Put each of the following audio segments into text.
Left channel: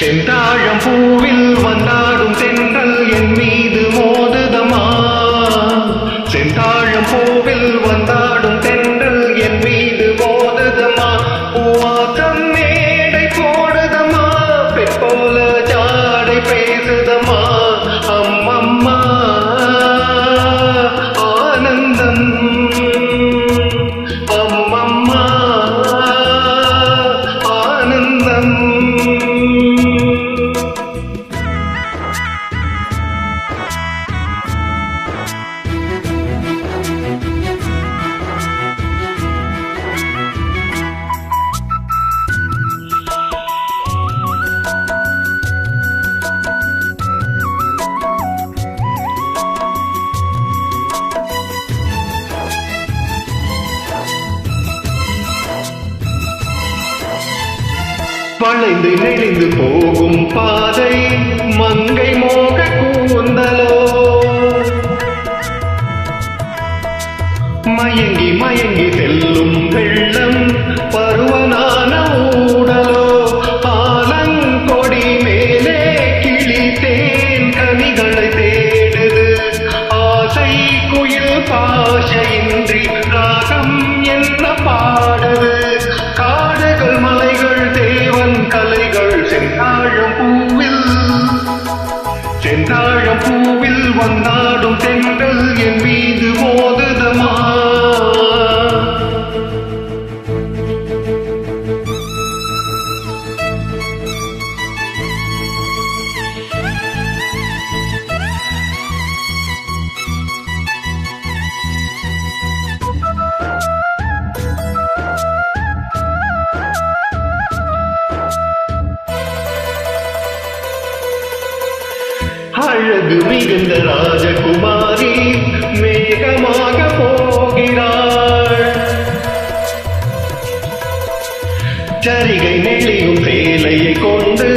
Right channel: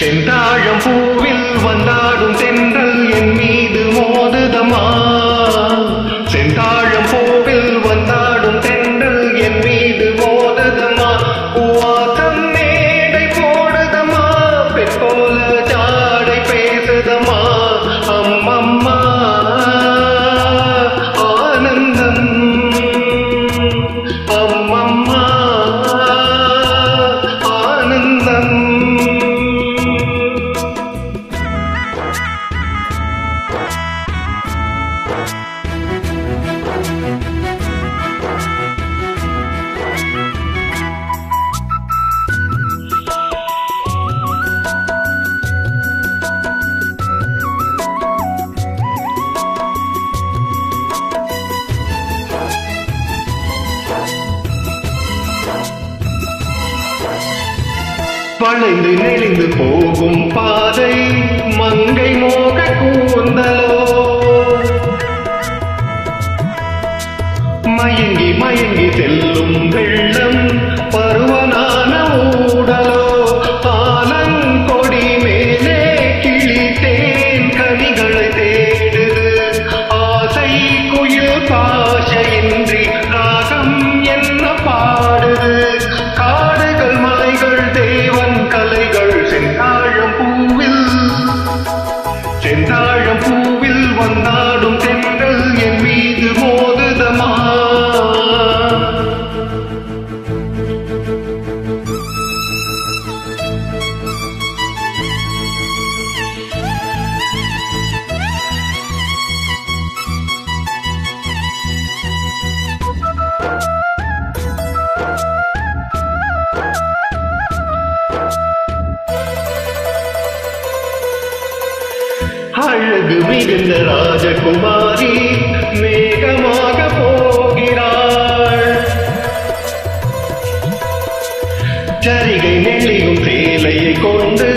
செந்தாழம் பூவில் வந்தாடும் தென்றல் என் மீது மோதுதமா. செந்தாழம் பூவில் வந்தாடும் தென்றல் என் மீது மோதுதமா. பூவாசம் மேடை போடுதமா, பெண் போல ஜாடை பேசுதமா. அம்மம்மா ஆனந்தம், அம்மம்மா ஆனந்தம். வளைந்து நெளிந்து போகும் பாதை மங்கை மோக கூந்தலோ. மயங்கி மயங்கி செல்லும் வெள்ளம் பருவனான ஊடலோ. ஆலங்கொடி மேலே கிளி தேன் கனிகளை தேடுது. ஆசை குயில் பாஷையின்றி ராகம் என்ன பாடுது. காடுகள் மலைகள் தேவன் கலைகள் செந்தாழம் பூவில், செந்தாழம் பூவில் வந்தாடும் தென்றல் என் மீது மோதுதமா. அழகு மிகுந்த ராஜகுமாரி மேகமாக போகிறாள். சரிகை நெளியும் சேலையை கொண்டு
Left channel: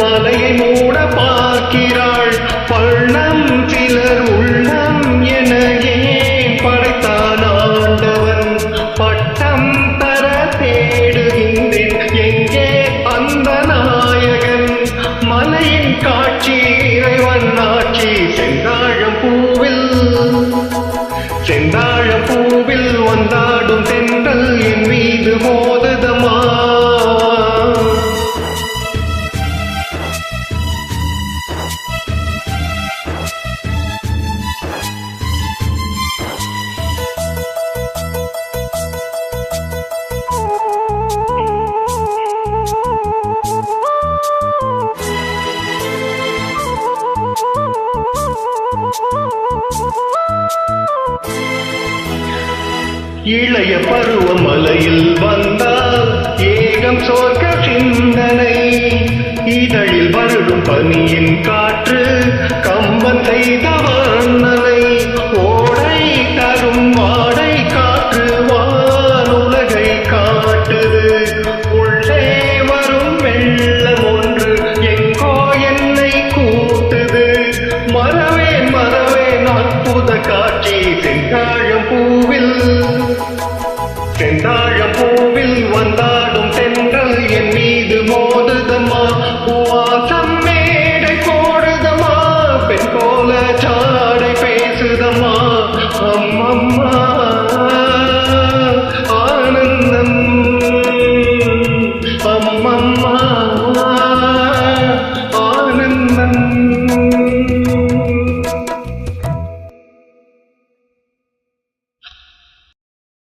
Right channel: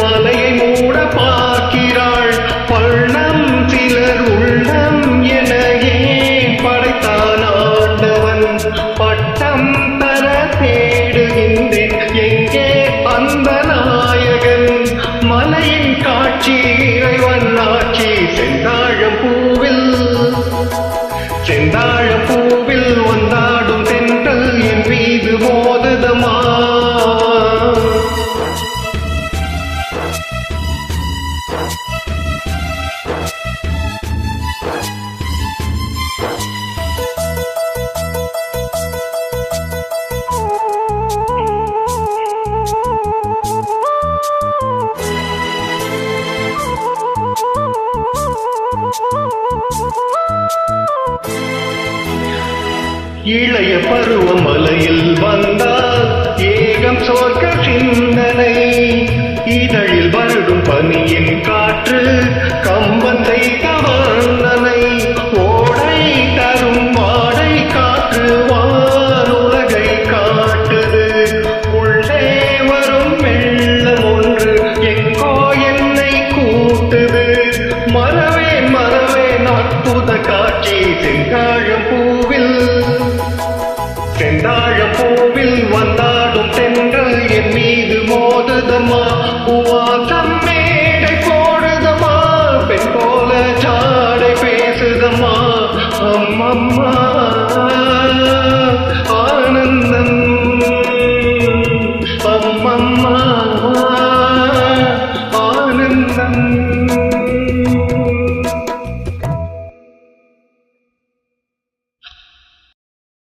மலையை மூட பார்க்கிறாள். பள்ளம் சிலர் உள்ளம் என ஏன் படைத்தான் ஆண்டவன். பட்டம் தர தேடுகின்றேன் எங்கே அந்த நாயகன். மலையின் காட்சி இறைவன் ஆட்சி செந்தாழம் பூவில், செந்தாழம் பூவில் வந்தாடும் தென்றல் என் மீது மோதுதமா. இளைய பருவ மலையில் வந்தால் ஏகம் சொர்க்க சிந்தனை. இதழில் வருடும் பனியின் காற்று கம்பன் செய்த வர்ணனை. ஓடை தரும் வாடை காற்று வானுலகை காட்டுது. உள்ளே வரும் வெள்ளம் ஒன்று எங்கோ என்னை கூட்டுது. மறவேன் மறவேன் அற்புத காட்சி செந்தாழம் பூவில், செந்தாழம் பூவில் வந்தாடும் தென்றல் என் மீது மோதுதமா. பூவாசம் மேடை போடுதமா, பெண் போல சாடை பேசுதமா. அம்மம்மா ஆனந்தம், அம்மம்மா